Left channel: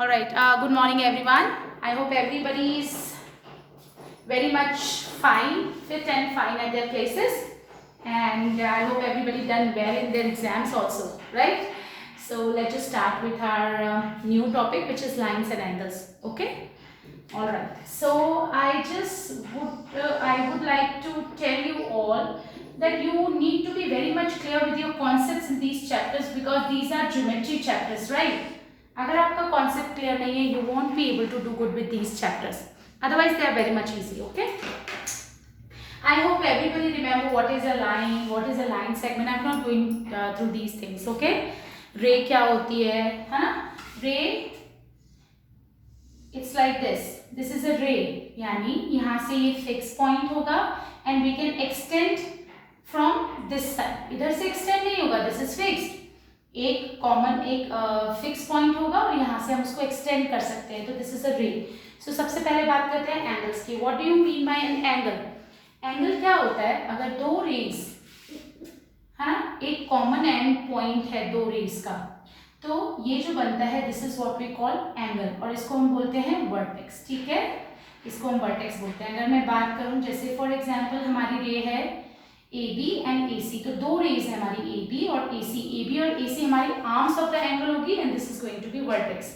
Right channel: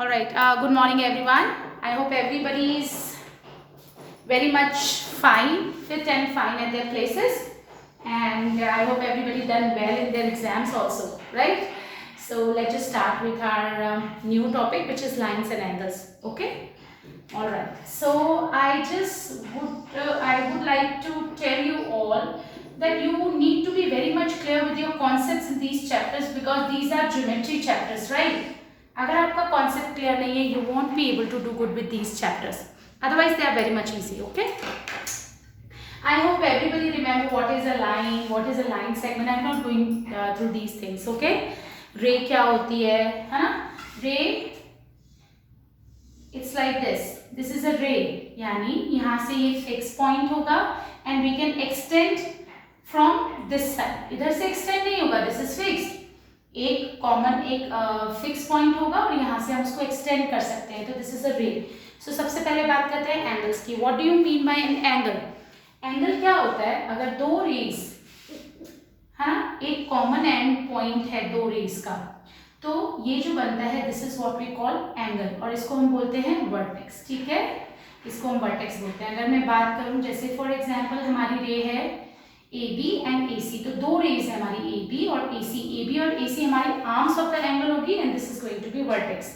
All right. Good morning, everyone. I hope everybody is very much fine, fit and fine at their places, and I hope everybody done well in their exams also, right? So let's just start with our new topic, which is lines and angles. Okay. All right. So I would like to tell you all that you need to be very much clear with your concepts in these chapters because these are geometry chapters, right? अगर आपका concept clear नहीं है you won't be able to do good with these chapters otherwise they are very much easy. Okay, I hope everybody remember what is a line segment. I'm not going through these things. Okay, ray क्या होती है ना? ray it's like this is a ray, यानी यहाँ से ये fix point होगा and we can extend from this side. इधर से extend नहीं होगा, this is fixed. एक कॉमन एक फिक्स पॉइंट होगा और यहाँ से हम उसको एक्सटेंड कर सकते हैं, तो दिस इज अ रे. सो सबसे पहले बात करते हैं एंगल्स की. What do you mean bye an angle? Angle क्या होता है? अगर दो रेज है ना, एक कॉमन एंड पॉइंट है दो रेज का, तो ये जो बनता है this is what we call angle और इसको हम बोलते हैं वर्टेक्स. ठीक है, इसको हम वर्टेक्स बोलते हैं. अगर मैं बात करूं जैसे फॉर एग्जांपल हमारी रे है AB एंड AC, तो दो रेज है हमारी AB और AC. AB और AC हमारी आर्म्स ऑफ द एंगल होगी and this is going to be vertex,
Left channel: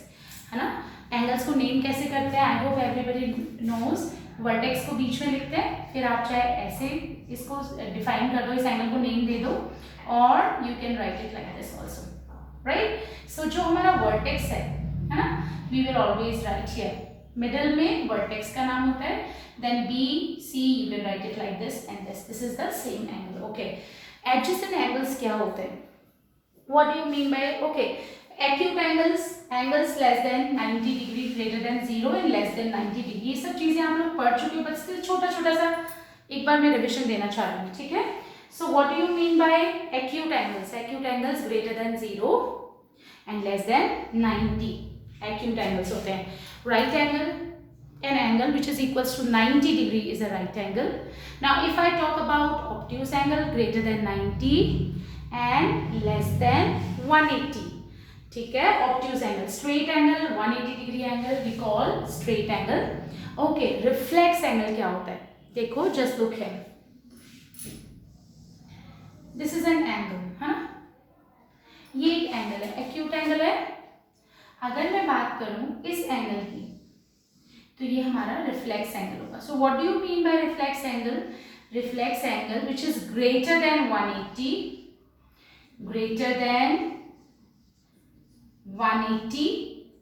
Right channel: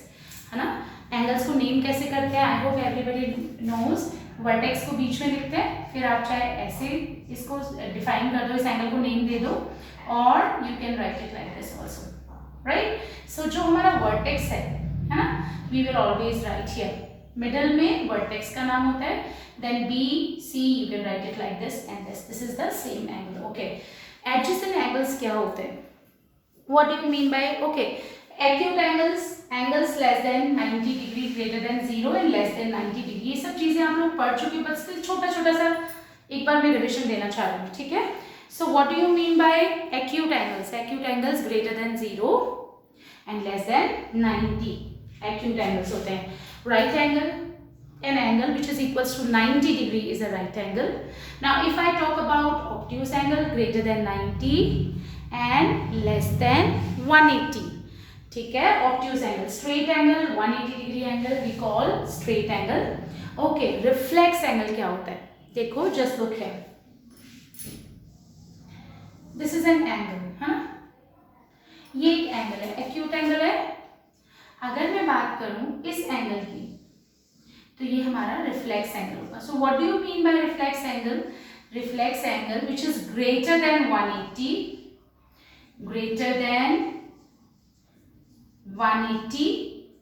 है ना. एंगल्स को नेम कैसे करते हैं? I hope everybody knows. Vertex को बीच में लिखते हैं, फिर आप चाहे ऐसे इसको डिफाइन कर दो, इस एंगल को नेम दे दो, और you can write it like this also, write. So जो हमारा वर्टेक्स है ना, we will always write here middle में वर्टेक्स का नाम होता है. Then B, C, you can write it like this and this. This is the same angle. Okay. Adjacent angles क्या होते हैं? What do you mean by? Okay. Acute angles less than 90 degree, greater than 0 and less than 90 degree. ये सब चीजें आप लोग पढ़ चुके, बस छोटा सा एक बार मैं रिविजन देना चाह रही हूँ. ठीक है. So what do you mean by acute angles? Acute angles greater than 0 and less than 90. Acute angles होते हैं. Right angle, an angle which is equals to 90 degree is a right angle. Now if I talk about obtuse angle, greater than 90 and less than 180. ठीक है. obtuse angle, straight angle, 180 degree angle we call straight angle. Okay, reflex angle क्या होता है? देखो, just look here. This is an angle, हाँ. ये एक angle है, acute angle है. अगर मैं बात करूं इस एंगल की, तो ये हमारा रिफ्लेक्स एंगल होगा. So what do you mean by reflex angle? Reflex angle which is greater than 180, greater than 180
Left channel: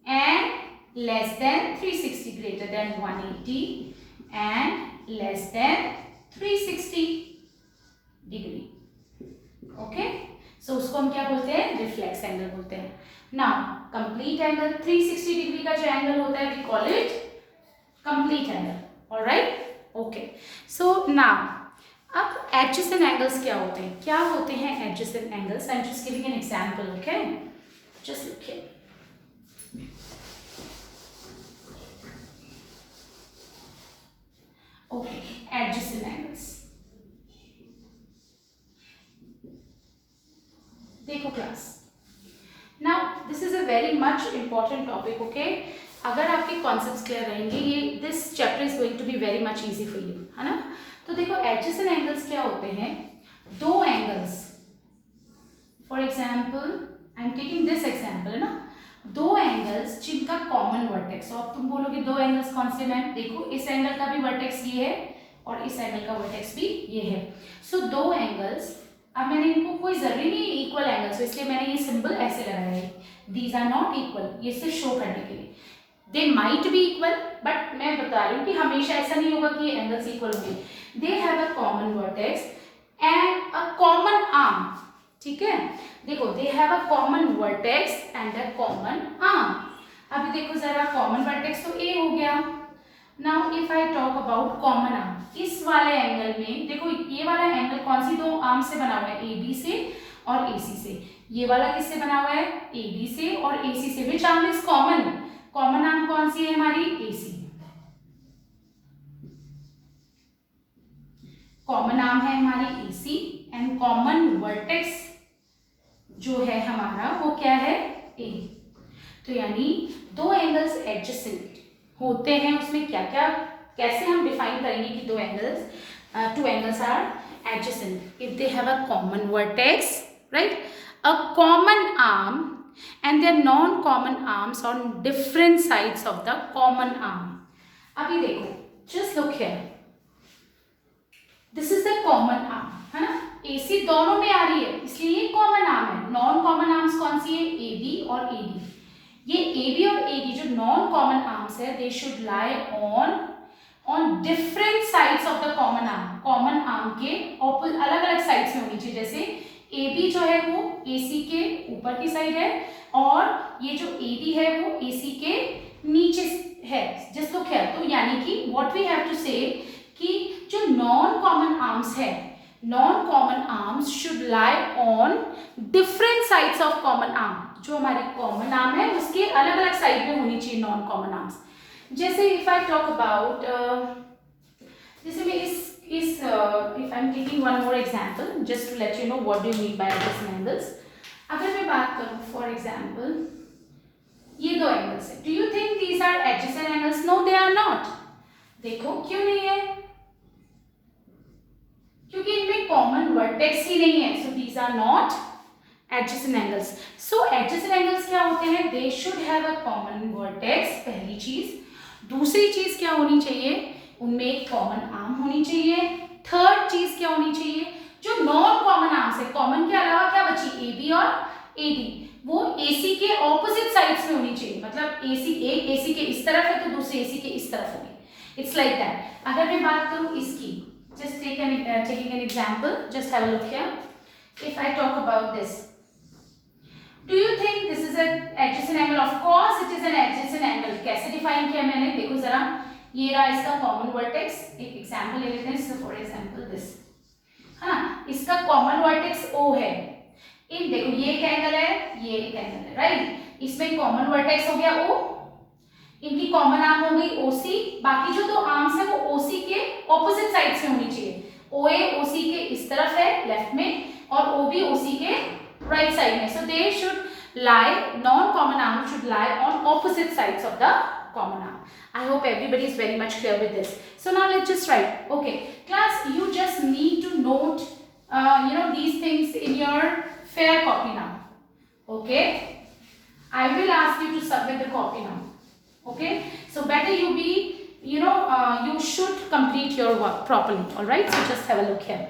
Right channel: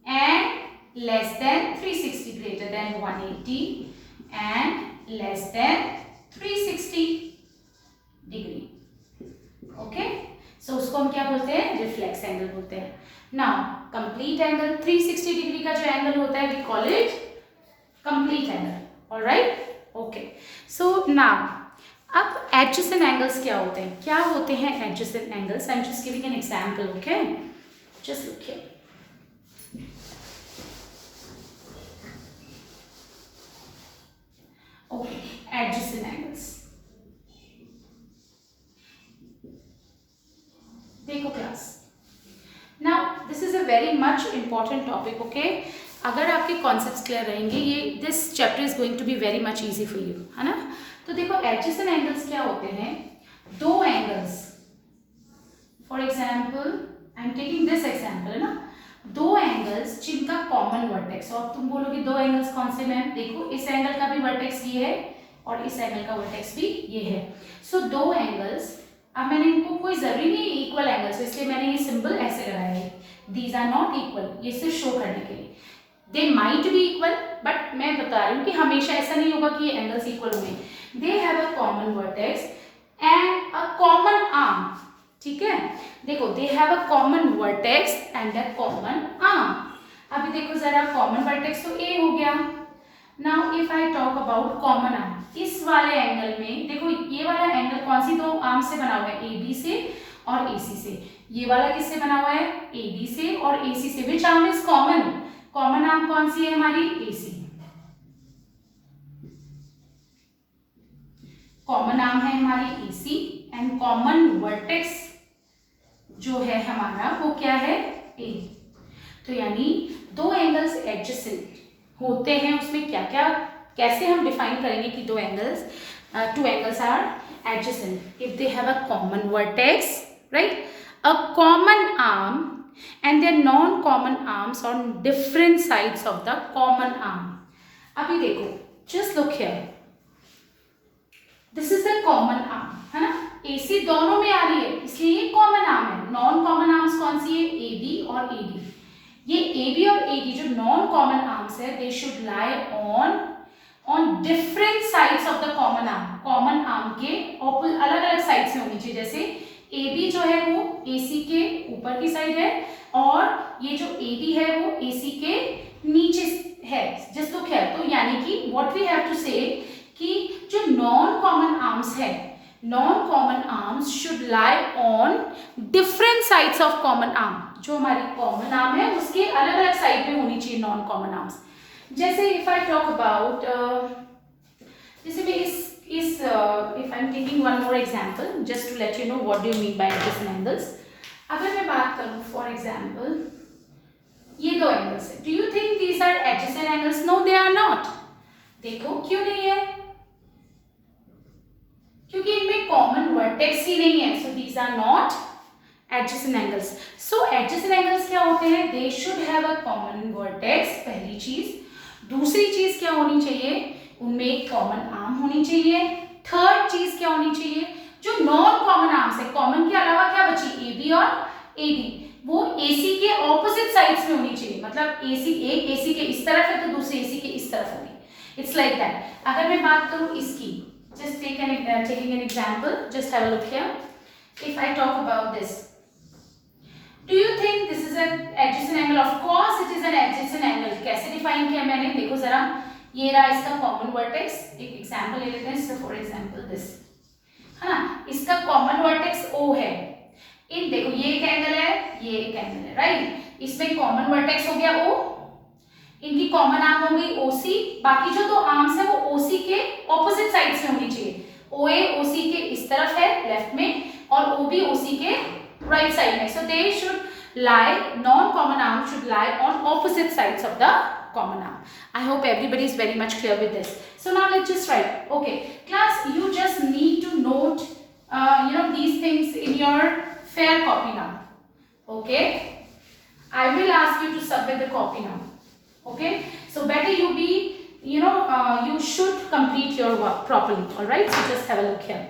and less than 360, greater than 180 and less than 360 degree. Okay, so उसको हम क्या बोलते हैं? रिफ्लेक्स एंगल बोलते हैं. Now complete angle, 360 degree का जो angle होता है we call it complete angle. all right, okay. So now अब adjacent angles क्या होते हैं? क्या होते हैं adjacent angles? I'm just giving an example. Okay, just look here. Okay, adjacent angles. देखो class, now this is a very much important topic. Okay, अगर आपके कॉन्सेप्ट्स क्लियर रहेंगे ये this chapter is going to be very much easy for you, है ना. तो देखो adjacent angles क्या होते हैं? दो angles, for example I am taking this example, है ना. दो एंगल्स जिनका कॉमन वर्टेक्स, और तुम बोलोगे दो एंगल्स कौन से मैम? देखो, इस एंगल का भी वर्टेक्स ये है और इस एंगल का वर्टेक्स भी ये है. सो दो एंगल्स, अब मैंने इनको कोई जरूरी नहीं इक्वल एंगल्स, इसलिए मैंने ये सिंबल ऐसे लगाया है. दीज आर नॉट इक्वल, ये सिर्फ शो करने के लिए. They might be equal, but मैं बता रही हूँ कि हमेशा ऐसा नहीं होगा कि ये एंगल्स इक्वल होंगे. दे have a common vertex and a common arm. ठीक है, देखो, दे have a common vertex and a common arm. अभी देखो जरा, कॉमन वर्टेक्स तो ए हो गया. Now if I talk about common arm, इस वाले एंगल में देखो, ये वाला एंगल कौन सी दो आर्म से बना हुआ है? ए बी से और ए सी से. ये वाला किससे बना हुआ है? ए बी से और ए सी से. Which arm is common? Common arm कौन सी है हमारी? AC. कॉमन आर्म है हमारी AC एंड कॉमन वर्टेक्स जो है हमारा वो क्या है? A. तो यानी दो एंगल एडजेसेंट होते हैं उसमें क्या क्या, कैसे हम डिफाइन करेंगे कि two angles are adjacent if they have a common vertex, right, a common arm and their non-common arms on different sides of the common arm. अभी देखो, just look here, this is the common arm, है ना, AC दोनों में आ रही है इसलिए ये common arm है. non-common arms कौन सी है, AB और AD. ये AB और AD जो non-common arms है, they should lie on different sides of the common arm. common arm के अलग अलग sides में होनी चाहिए. जैसे AB जो है वो AC के ऊपर की साइड है और ये जो AD है वो AC के नीचे है. Just look here. तो यानी कि व्हाट वी हैव टू से कि जो नॉन कॉमन आर्म्स है, non common arms should lie on different sides of common arm. जो हमारी कॉमन आर्म है उसके अलग अलग साइड में होनी चाहिए नॉन कॉमन आर्म्स. जैसे इफ आई टॉक अबाउट, जैसे मैं if I'm taking one more example just to let you know what do you mean by adjacent angles. अगर मैं बात करूँ for example, ये दो एंगल्स है. Do you think these are adjacent angles? No, they are not. देखो क्यों नहीं है, क्योंकि इनमें कॉमन वर्टेक्स ही नहीं है. So these are not adjacent angles. So adjacent angles क्या होते हैं, they should have a common vertex, पहली चीज. दूसरी चीज क्या होनी चाहिए, उनमें एक कॉमन आर्म होनी चाहिए. थर्ड चीज क्या होनी चाहिए, जो नॉन कॉमन आर्म्स है, कॉमन के अलावा क्या बची, AB और AD, वो AC के ऑपोजिट साइड्स में होनी चाहिए. मतलब एक AC के इस तरफ है तो दूसरी AC के इस तरफ होगी. It's like that. अगर मैं बात करूं इसकी, just taking an example, just have a look here. If I talk about this, do you think this is an adjacent angle? Of course it is an adjacent angle. कैसे define किया मैंने, देखो जरा, ये रहा इसका कॉमन वर्टेक्स. एक example ले लेते हैं. फॉर एग्जांपल दिस, हाँ, इसका कॉमन वर्टेक्स O है. इन देखो ये एक एंगल है, ये एक एंगल है, राइट. इसमें कॉमन वर्टेक्स हो गया O, इनकी कॉमन आर्म हो गई OC. बाकी जो दो आर्म्स है वो OC के ऑपोजिट साइड से होनी चाहिए. OA OC के इस तरफ है लेफ्ट में और OB OC के राइट साइड में. So they should lie, non common arm should lie on opposite sides of the common arm. I hope everybody is very much clear with this. So now let's just write. Okay, class, you just need to note these things in your fair copy now. Okay, I will ask you to submit the copy now. Okay, so better you be, you should complete your work properly. All right, so just have a look here.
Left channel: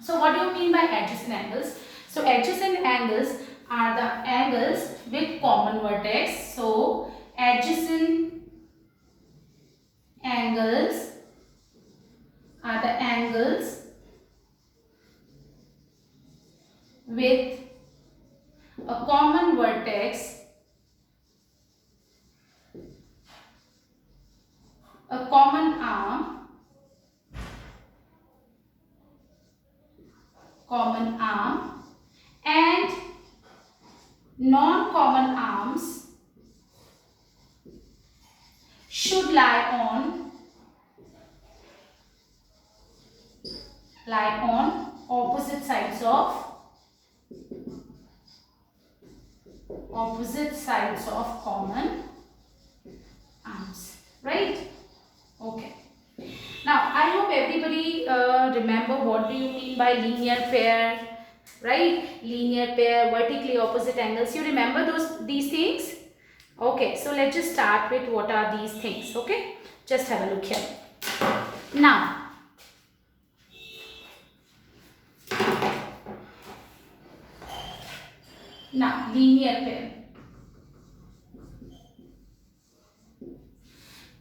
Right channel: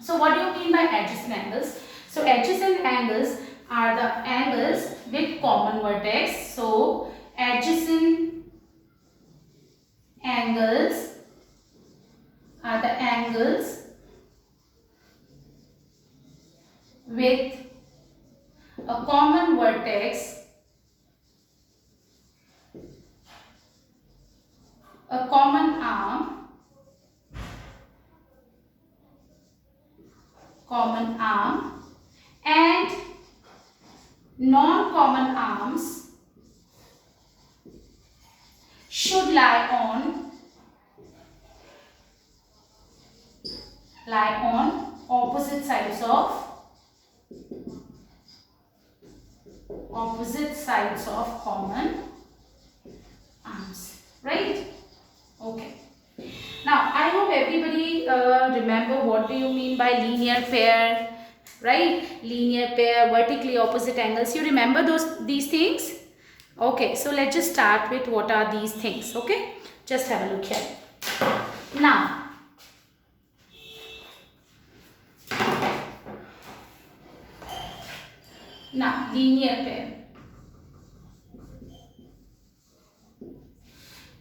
So what do you mean by adjacent angles? So adjacent angles are the angles with common vertex. So adjacent angles are the angles with a common vertex, a common arm, and non-common arms should lie on opposite sides of common arms, right? Okay, now I hope everybody remember what do you mean by linear pair, right? Linear pair, vertically opposite angles, you remember these things? Okay, so let's just start with what are these things. Okay, just have a look here. Now linear pair.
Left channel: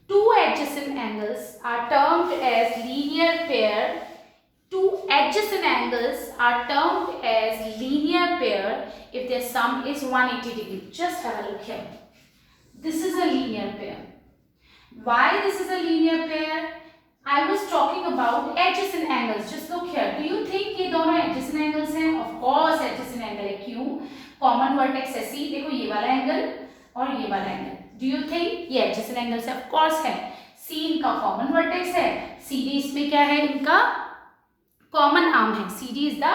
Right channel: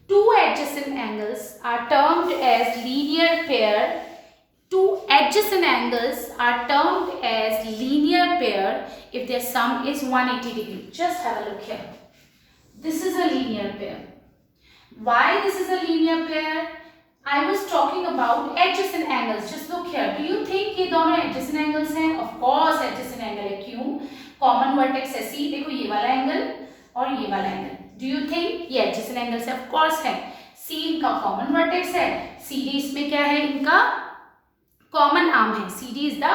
Two adjacent angles are termed as linear pair. Two adjacent angles are termed as linear pair if their sum is 180 degree. Just have a look here. This is a linear pair. Why this is a linear pair? I was talking about adjacent angles. Just look here. Do you think ये दोनों adjacent angles हैं? Of course adjacent angle है. क्यों? Common vertex है C. देखो ये वाला angle और ये वाला angle. Do you think ये adjacent angles है? Of course है. C इनका common vertex है. CD इसमें क्या है? इनका common arm है. CD is the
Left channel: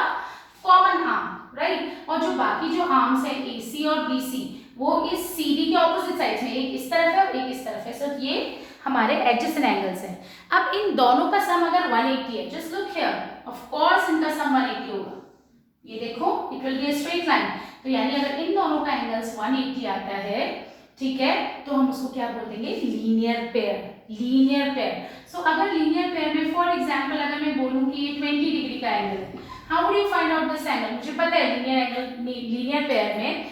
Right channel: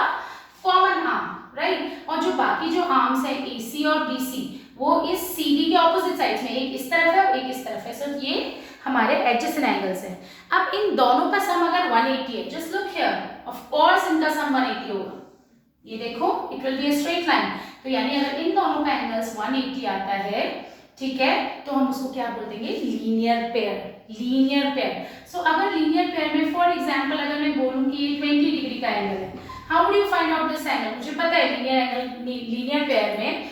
common arm, right? और जो बाकी जो arms हैं AC और BC, वो इस CD के ऑपोजिट साइड में, एक इस तरफ है और एक इस तरफ है। सो ये हमारे एडजेसेंट एंगल्स हैं। अब इन दोनों का सम अगर 180 है, just look here, of course इनका सम 180 होगा। ये देखो, it will be a straight line. तो यानी अगर इन दोनों का एंगल्स 180 आता है, ठीक है, तो हम उसको क्या बोल देंगे? Linear pair. Linear pair. So अगर लीनियर पेयर में फॉर एग्जांपल अगर मैं बोलूं कि ये 20 डिग्री का एंगल है, how would you find out this angle? मुझे पता है लीनियर एंगल, लीनियर पेयर में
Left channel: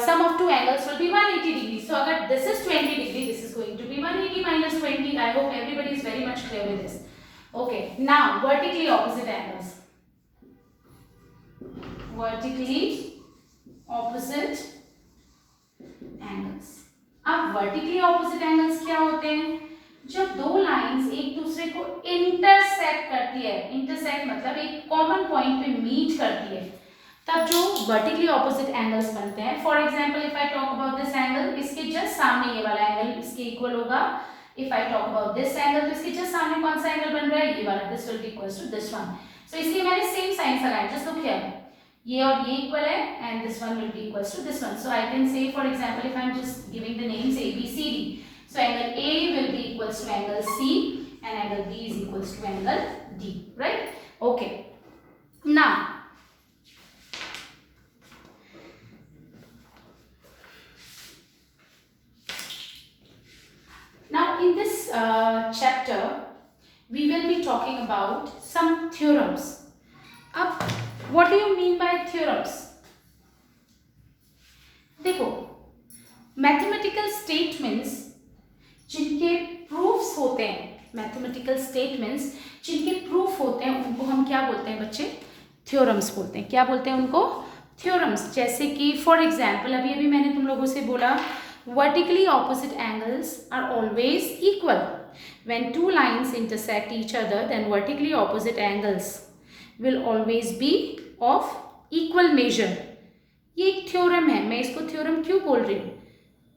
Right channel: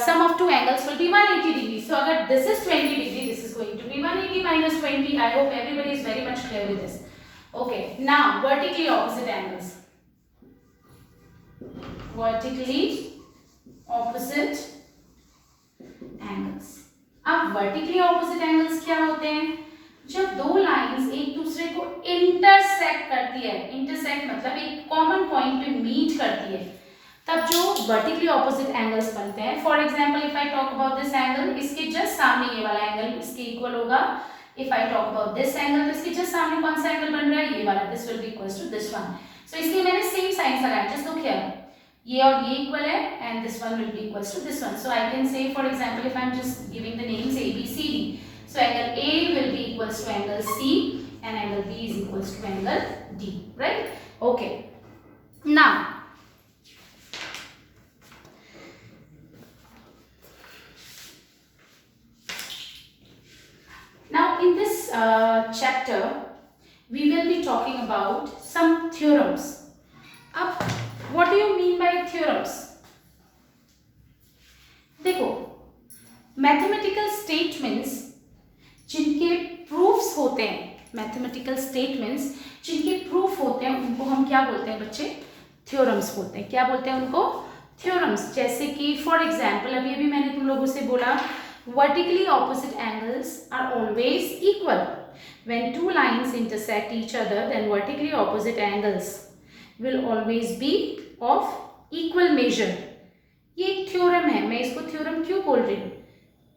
sum of two angles will be 180 degrees. So agar this is 20 degree, this is going to be 180 minus 20. I hope everybody is very much clear with this. Okay, now vertically opposite angles. Vertically opposite angles. अब vertically opposite angles क्या होते हैं? जब दो lines एक दूसरे को intersect करती है, इंटरसेक्ट मतलब एक कॉमन पॉइंट पे मीट करती है, तब जो वर्टिकली ऑपोजिट एंगल्स बनते हैं। For example if I talk about this angle, इसके जस्ट सामने ये वाला एंगल इसके इक्वल होगा। If I talk about this angle, तो इसके जस्ट सामने कौन सा एंगल बन रहा है? ये वाला। This will be equals to this one. So इसलिए मैंने सेम साइंस लगाया, जस्ट लुक हियर, ये और ये इक्वल है and this one will be equals to this one. So I can say for example if I am just giving the names A B C D, so angle A will be equals to angle C and angle B is equals to angle D, right? Okay, now in this chapter we will be talking about some theorems. अब what do you mean by theorems? देखो, mathematical statements जिनके proofs होते हैं, mathematical statements जिनके proof होते हैं, उनको हम क्या बोलते हैं बच्चे? theorems बोलते हैं। क्या बोलते हैं उनको? theorems। जैसे कि for example अभी मैंने तुम लोगों से बोला vertically opposite angles are always equal. When two lines intersect each other, then vertically opposite angles will always be of equal measure. ये एक थ्योरम है। मैं इसको थ्योरम क्यों बोल रही हूँ?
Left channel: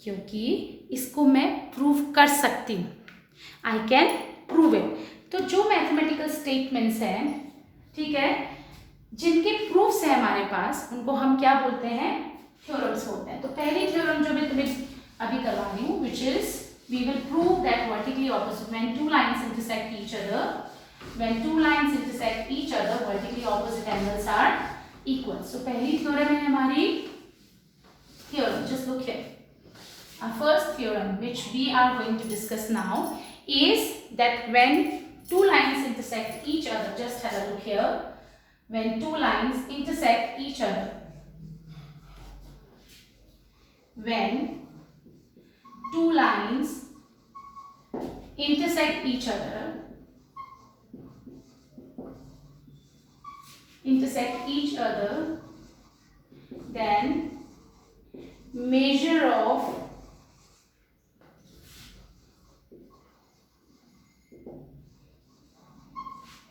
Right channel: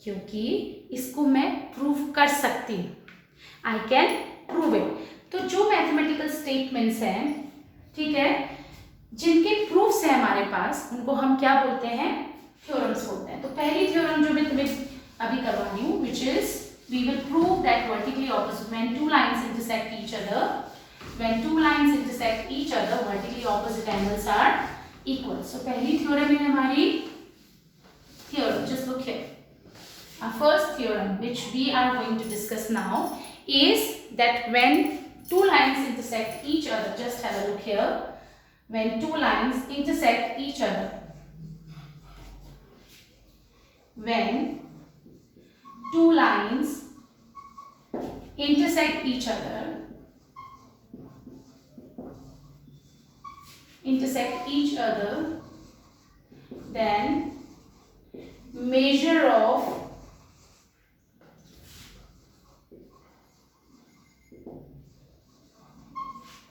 क्योंकि इसको मैं प्रूव कर सकती हूँ। I can prove it. तो जो मैथमेटिकल स्टेटमेंट्स हैं, ठीक है, जिनके प्रूफ्स हैं हमारे पास, उनको हम क्या बोलते हैं? थ्योरम्स बोलते हैं। तो पहली थ्योरम जो मैं तुम्हें अभी करवा रही हूँ, which is we will prove that vertically opposite, when two lines intersect each other, when two lines intersect each other, vertically opposite angles are equal. So पहली थ्योरम है हमारी theorem. Just look here. Our first theorem which we are going to discuss now is that when two lines intersect each other, just have a look here, when two lines intersect each other, when two lines intersect each other, then measure of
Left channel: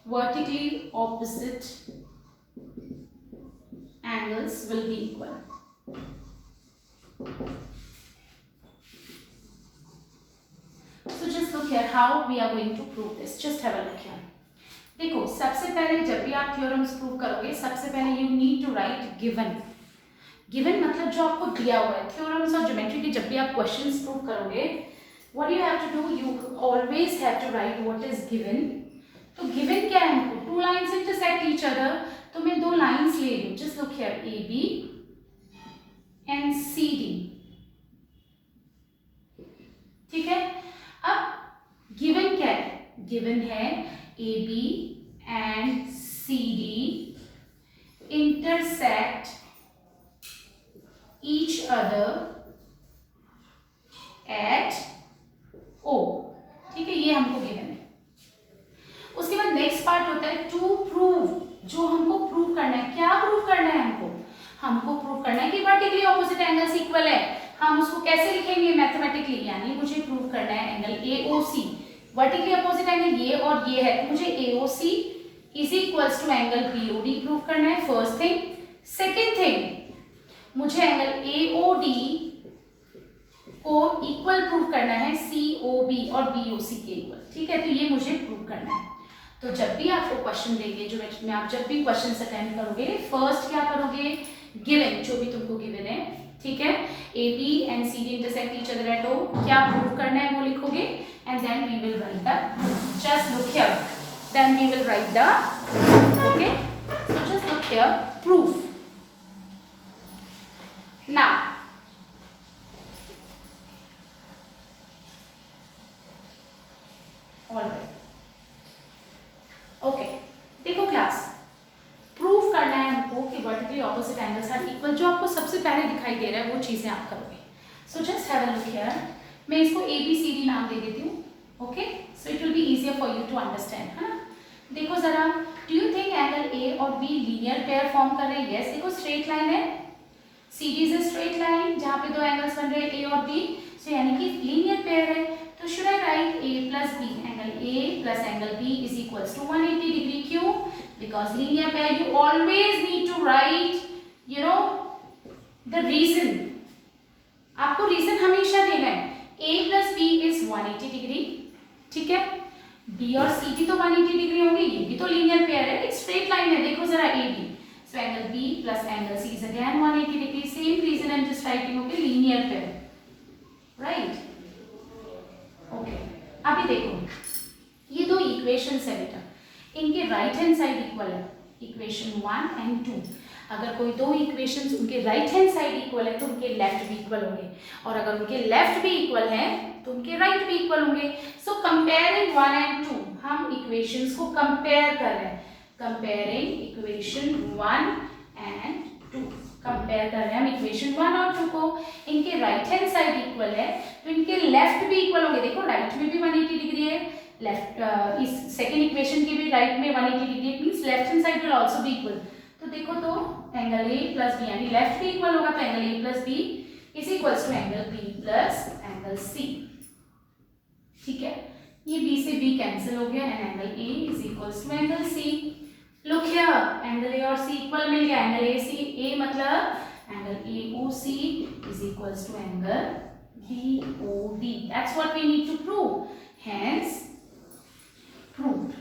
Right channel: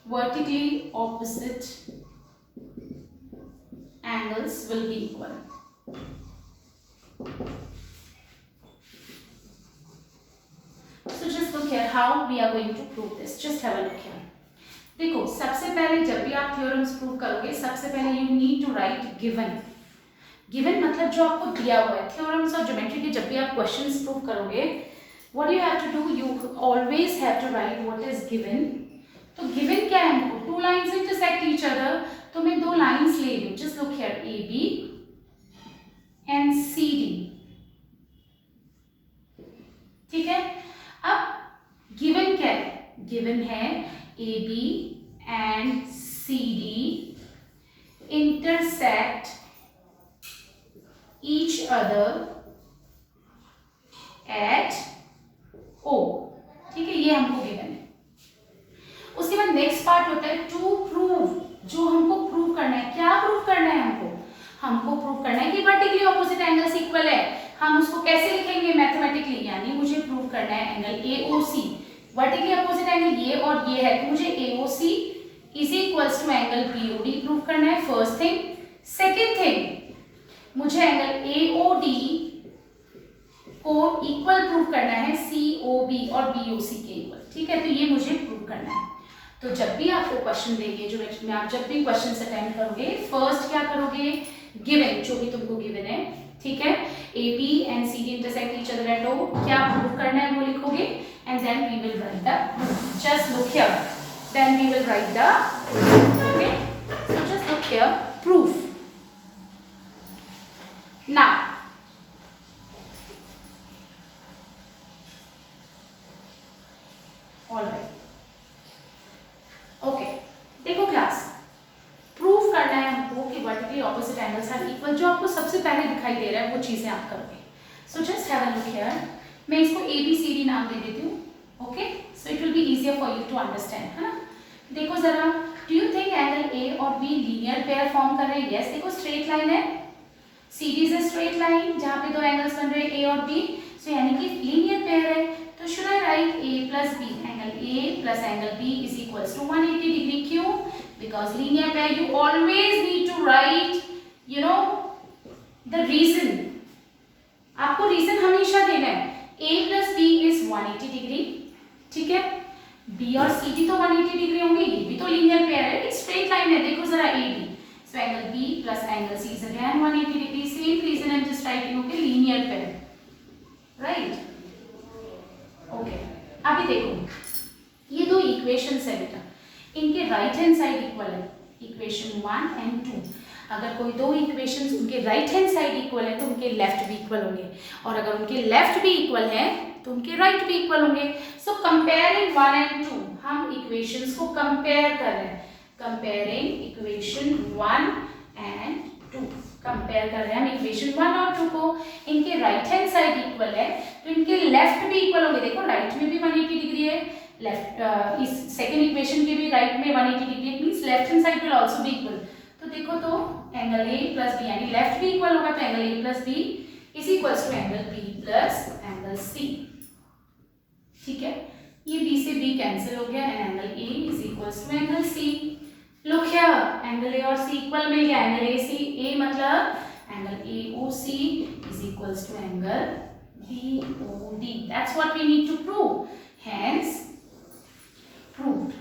vertically opposite angles will be equal. So just look here how we are going to prove this. Just have a look here. देखो, सबसे पहले जब भी आप theorems prove करोगे, सबसे पहले you need to write given. Given मतलब जो आपको दिया हुआ है। थ्योरम्स और ज्योमेट्री के जब भी आप क्वेश्चंस प्रूव करोगे, what you have to do, you always have to write what is given. तो गिवन क्या है हमको? Two lines intersect each other. तो मैं दो लाइंस ले रही हूँ, just look here, A B and C D, ठीक है। अब गिवन क्या है? गिवन है A B and C D intersect each other at O, ठीक है, ये हमको गिवन है। उसके बाद नेक्स्ट पार्ट होता है टू प्रूव। जो हमको प्रूव करना है, क्या प्रूव करना है हमको प्रूव करना है कि वर्टिकली ऑपोजिट एंगल्स इक्वल है। हम उसको कैसे लिखेंगे? मैथमेटिकली, यानी मुझे प्रूव करना है angle AOC, vertically opposite angle ये और ये है, तो मुझे AOC is equals to angle BOD prove करना है, फर्स्ट थिंग। सेकेंड थिंग, मुझे एंगल AOD को इक्वल प्रूव करना है COB और BOC के इक्वल, ठीक है। तो ये मुझे प्रूव करना है। तो जब भी आपको क्वेश्चन देंगे, जो में आप जब भी क्वेश्चन अटेम्प्ट करोगे, फर्स्ट क्या करोगे? गिवन, जो भी तुमको गिवन है, ठीक है, AB and CD intersect each other at O, क्या प्रूव करना है वो लिखोगे and then we will write the, just look here, then we will write the, okay, so just look here, proof. Now all right, okay, देखो class, proof करना है हमको कि vertically opposite angles are equal. जो आपको सबसे पहले दिखाई दे रहा है वो चीजें आप करोगे। So just have a look here, मैं इसको ABCD नाम दे देती हूँ, okay, so it will be easier for you to understand, है ना। देखो जरा, do you think angle A और B लीनियर पेयर फॉर्म कर रहे हैं? यस, देखो स्ट्रेट लाइन है, CD is a straight line जहाँ पे दो एंगल्स बन रहे हैं A और B, सो यानी कि लीनियर पेयर है। तो should I right A plus B, angle A plus angle B is equals to 180 degree. क्यों? Because linear pair you always need to write, you know, the reason. आपको reason हमेशा देना है। A plus B is 180 degree, ठीक है, B और C भी तो 180 डिग्री होंगे, ये भी तो लीनियर पेयर है, एक स्ट्रेट लाइन है। देखो जरा AB, so angle B plus angle C is again 180 degree, same reason I'm just writing, okay, linear pair, right? Okay, अभी देखो ये दो इक्वेशंस है बेटा, इनके राइट हैंड साइड इक्वल है, इक्वेशन 1 and 2। अगर कोई दो इक्वेशंस उनके राइट हैंड साइड इक्वल है तो उनके लेफ्ट भी इक्वल होंगे, और अगर उनके लेफ्ट भी इक्वल है तो उनके राइट भी इक्वल होंगे। सो कंपेयरिंग 1 and 2, हम इक्वेशंस को कंपेयर कर रहे हैं, कंपेयरिंग इक्वेशन 1 and 2, कंपेयर कर रहे हैं हम इक्वेशन 1 और 2 को। इनके राइट हैंड साइड इक्वल है तो इनके लेफ्ट भी इक्वल होंगे। देखो राइट में भी 180 डिग्री है, लेफ्ट इस सेकेंड इक्वेशन के भी राइट में 180 डिग्री है, means left hand side will also be equal. तो देखो तो एंगल A प्लस B यानी लेफ्ट भी इक्वल होगा, तो angle A plus B is equals to angle B plus angle C, ठीक है, ये B से B कैंसिल हो गया and angle A is equals to angle C। Look here, angle A और C इक्वल मिल गया, एंगल A मतलब angle AOC is equals to angle BOD। That's what we need to prove, hence proved.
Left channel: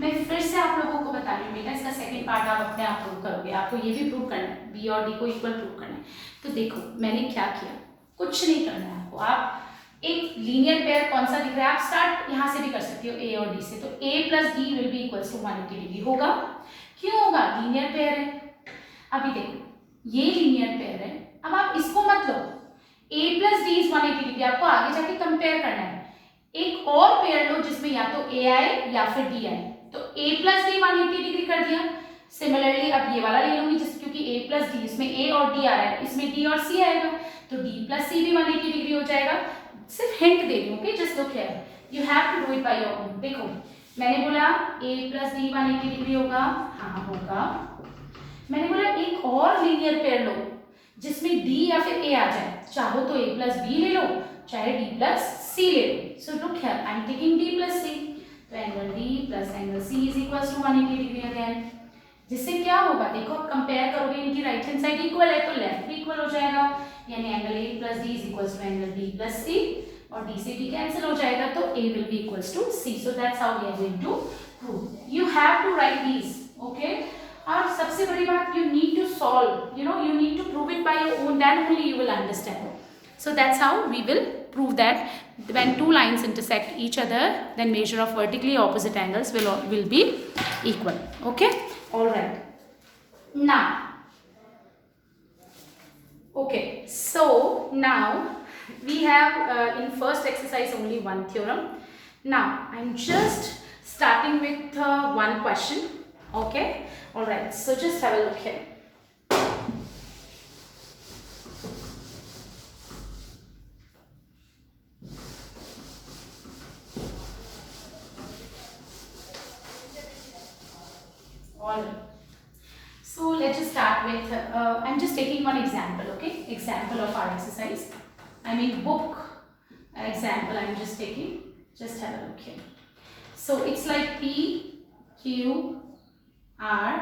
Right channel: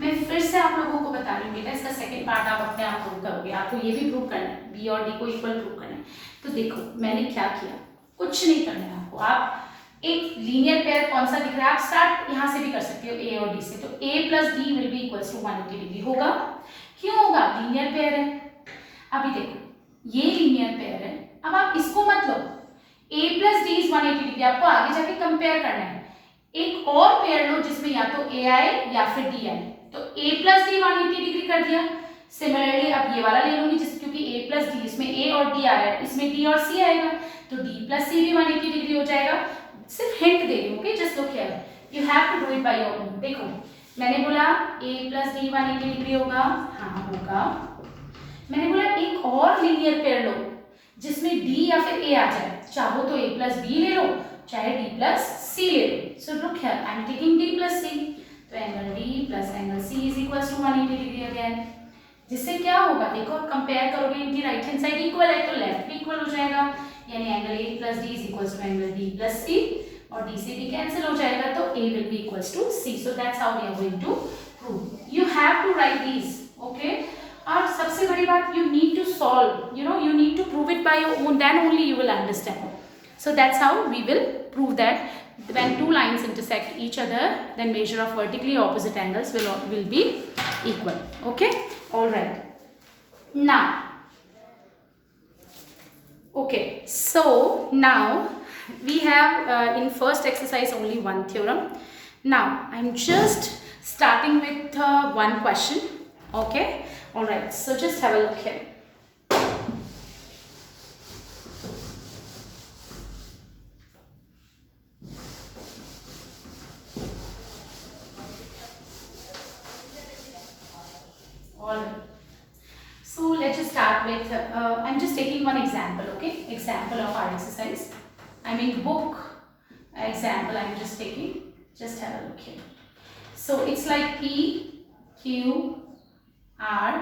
मैं फिर से आप लोगों को बता रही हूँ बेटा, इसका सेकंड पार्ट आप अपने आप प्रूव करोगे, आपको ये भी प्रूव करना है, B और D को इक्वल प्रूव करना है। तो देखो मैंने क्या किया, कुछ नहीं करना है आपको, आप एक लीनियर पेयर कौन सा दिख रहा है, आप स्टार्ट यहाँ से भी कर सकते हो A और D से, तो A plus D will be equals to 180 degree होगा। क्यों होगा? लीनियर पेयर है। अभी देखो ये लीनियर पेयर है, अब आप इसको मत लो, A plus D is 180 degree, आपको आगे जाके कंपेयर करना है। एक और पेयर लो जिसमें या तो A आए या फिर D आए, तो A प्लस D 180 डिग्री कर दिया। सिमिलरली अब ये वाला ले लूंगी जिस, क्योंकि A प्लस D इसमें A और D आ रहा है, इसमें D और C आएगा, तो D प्लस C भी 180 डिग्री हो जाएगा। सिर्फ हिंट दे रही हूँ, okay, just look here, you have to do it by your own. देखो मैंने बोला A प्लस D 180 डिग्री होगा, हाँ होगा। मैंने बोला एक और लीनियर पेयर लो जिसमें D या फिर A आ जाए, चाहो तो A प्लस B ले लो, चाहे D प्लस C ले लो। So look here, I am taking D plus C, तो angle D plus angle C is equals to 180 degree again. जिससे क्या होगा, देखो कंपेयर करोगे, इनकी राइट हैंड साइड इक्वल है तो लेफ्ट भी इक्वल हो जाएगा, यानी angle A plus D is equals to angle D plus C, और D से भी कैंसिल हो जाएगा तो A will be equals to C। So that's how we are going to prove. You have to write these, okay. और सबसे बड़ी बात, you need to solve, you know, you need to prove it by your own, then only you will understand. So that's how we will prove that when two lines intersect each other, then measure of vertically opposite angles will be equal. Okay, all right. Now, okay, so now we have in first exercise only one theorem. Now I'm just starting with one question. Okay, all right. So just have a look here. Alright. So let's just start with, I'm just taking one example, okay? Example of our exercise. I mean book example I'm just taking. Just have a look here. So it's like P, Q, R,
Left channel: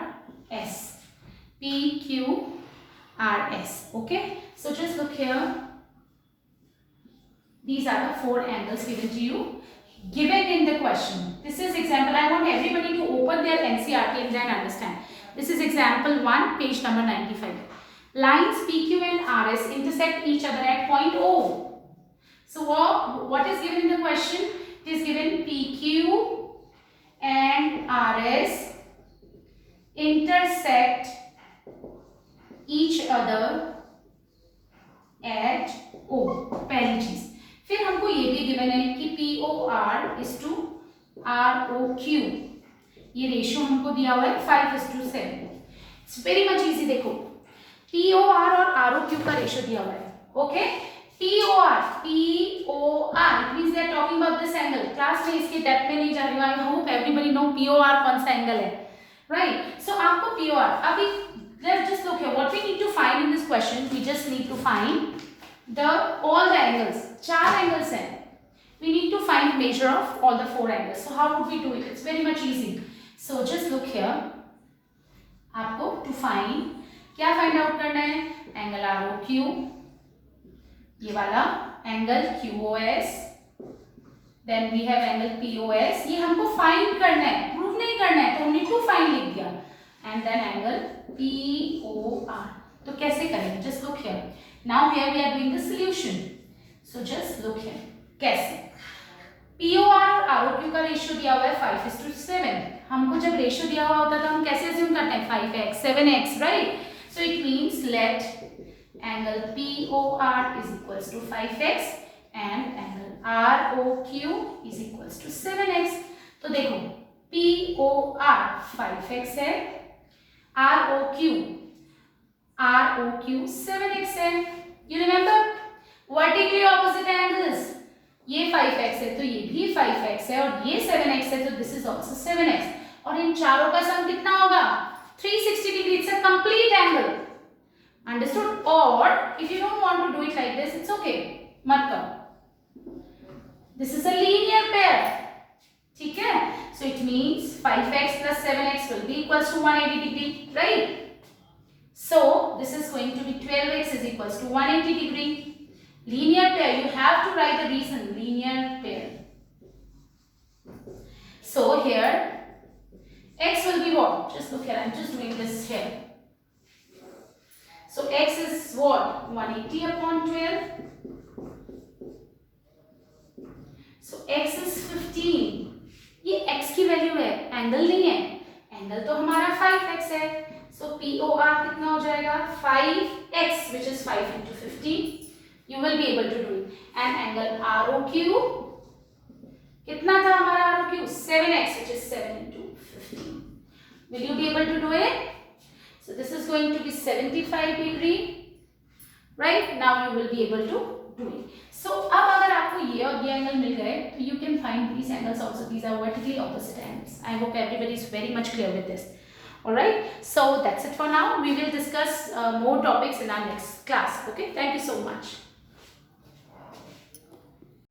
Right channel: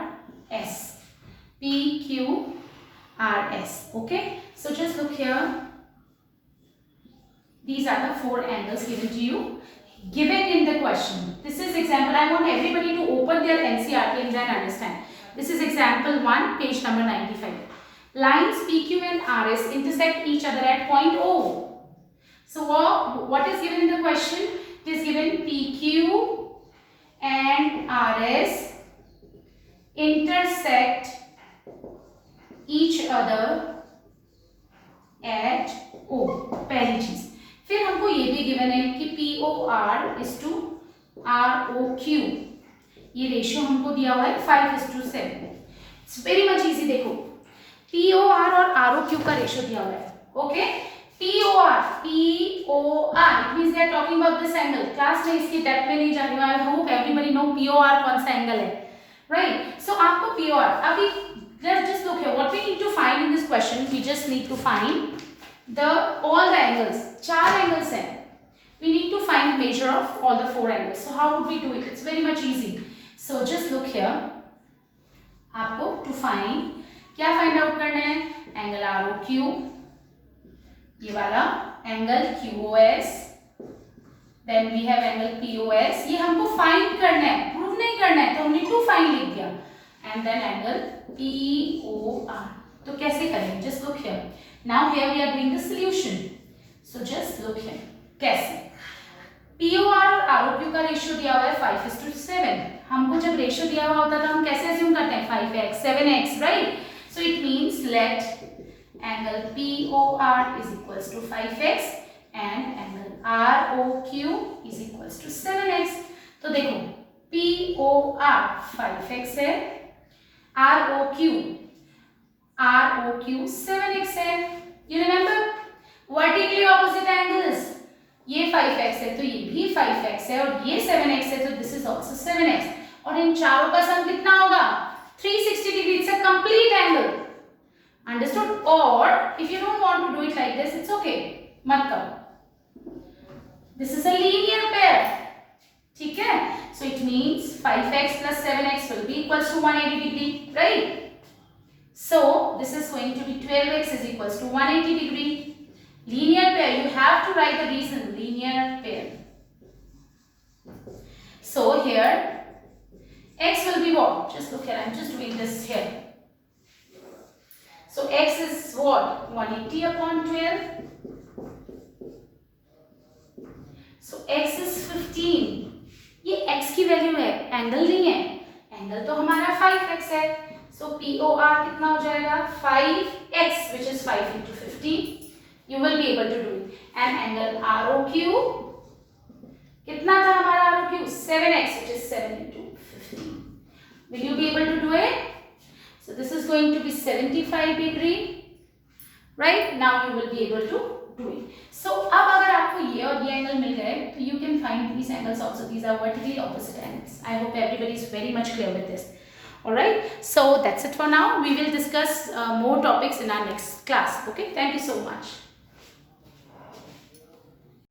S. P, Q, R, S. Okay? So just look here. These are the four angles given to you, given in the question. This is example. I want everybody to open their NCERT and then understand. This is example 1, page number 95. Lines PQ and RS intersect each other at point O. So what is given in the question? It is given PQ and RS intersect each other at O. पहली चीज। फिर हमको ये भी given है कि POR is to ROQ, ये ratio हमको दिया हुआ है 5:7। It's very much easy. देखो POR और ROQ का रेशियो दिया हुआ है। Okay, POR it means they are talking about this angle. Class में इसकी डेप्थ में नहीं जा रही हूं। I hope everybody know POR कौन सा एंगल है, राइट? सो आपको POR अभी let's just look here. What we need to find in this question, we just need to find all the angles. 4 angles हैं. We need to find measure of all the 4 angles. So how would we do it? It's very much easy. So just look here. आपको to find क्या find out करना है? Angle ROQ, ये वाला angle QOS, then we have angle POS. ये हमको find करना है, prove नहीं करना है, तो हमने to find लिख दिया. And then angle POR. तो कैसे करें? Just look here. Now here we are doing the solution. So just look here. कैसे? POR और ROQ का रेशियो दिया हुआ है 5:7. हमको जब रेशियो दिया हुआ होता है तो हम कैसे अज्यूम करते हैं? 5x, 7x, right? So it means let angle POR is equals to 5x and angle ROQ is equals to 7x. तो देखो POR 5x है, ROQ 7x है। You remember vertically opposite angles, ये 5x है तो ये भी 5x है और ये 7x है तो this is also 7x, और इन चारों का सम कितना होगा? 360 degree. It's a complete angle, understood? और if you don't want to do it like this, it's okay, मत करो। This is a linear pair, ठीक है? So it means 5x plus 7x will be equals to 180 degree, right? So this is going to be 12x is equals to 180 degree. Linear pair, you have to write the reason, linear pair. So here x will be what? Just look here, I'm just doing this here. So x is what? 180 upon 12. So x is 15. ये x की value है, angle नहीं है। Angle तो हमारा 5x है। So POR कितना हो जाएगा? 5x, which is 5 into 15. You will be able to do it. And angle ROQ कितना था हमारा ROQ? 7x, which is 7 into 15. Will you be able to do it? So this is going to be 75 degree, right? Now you will be able to do it. So अब अगर आपको ये और ये angle मिल गए तो you can find these angles also. These are vertically opposite angles. I hope everybody is very much clear with this. Alright, so that's it for now. We will discuss more topics in our next class. Okay, thank you so much.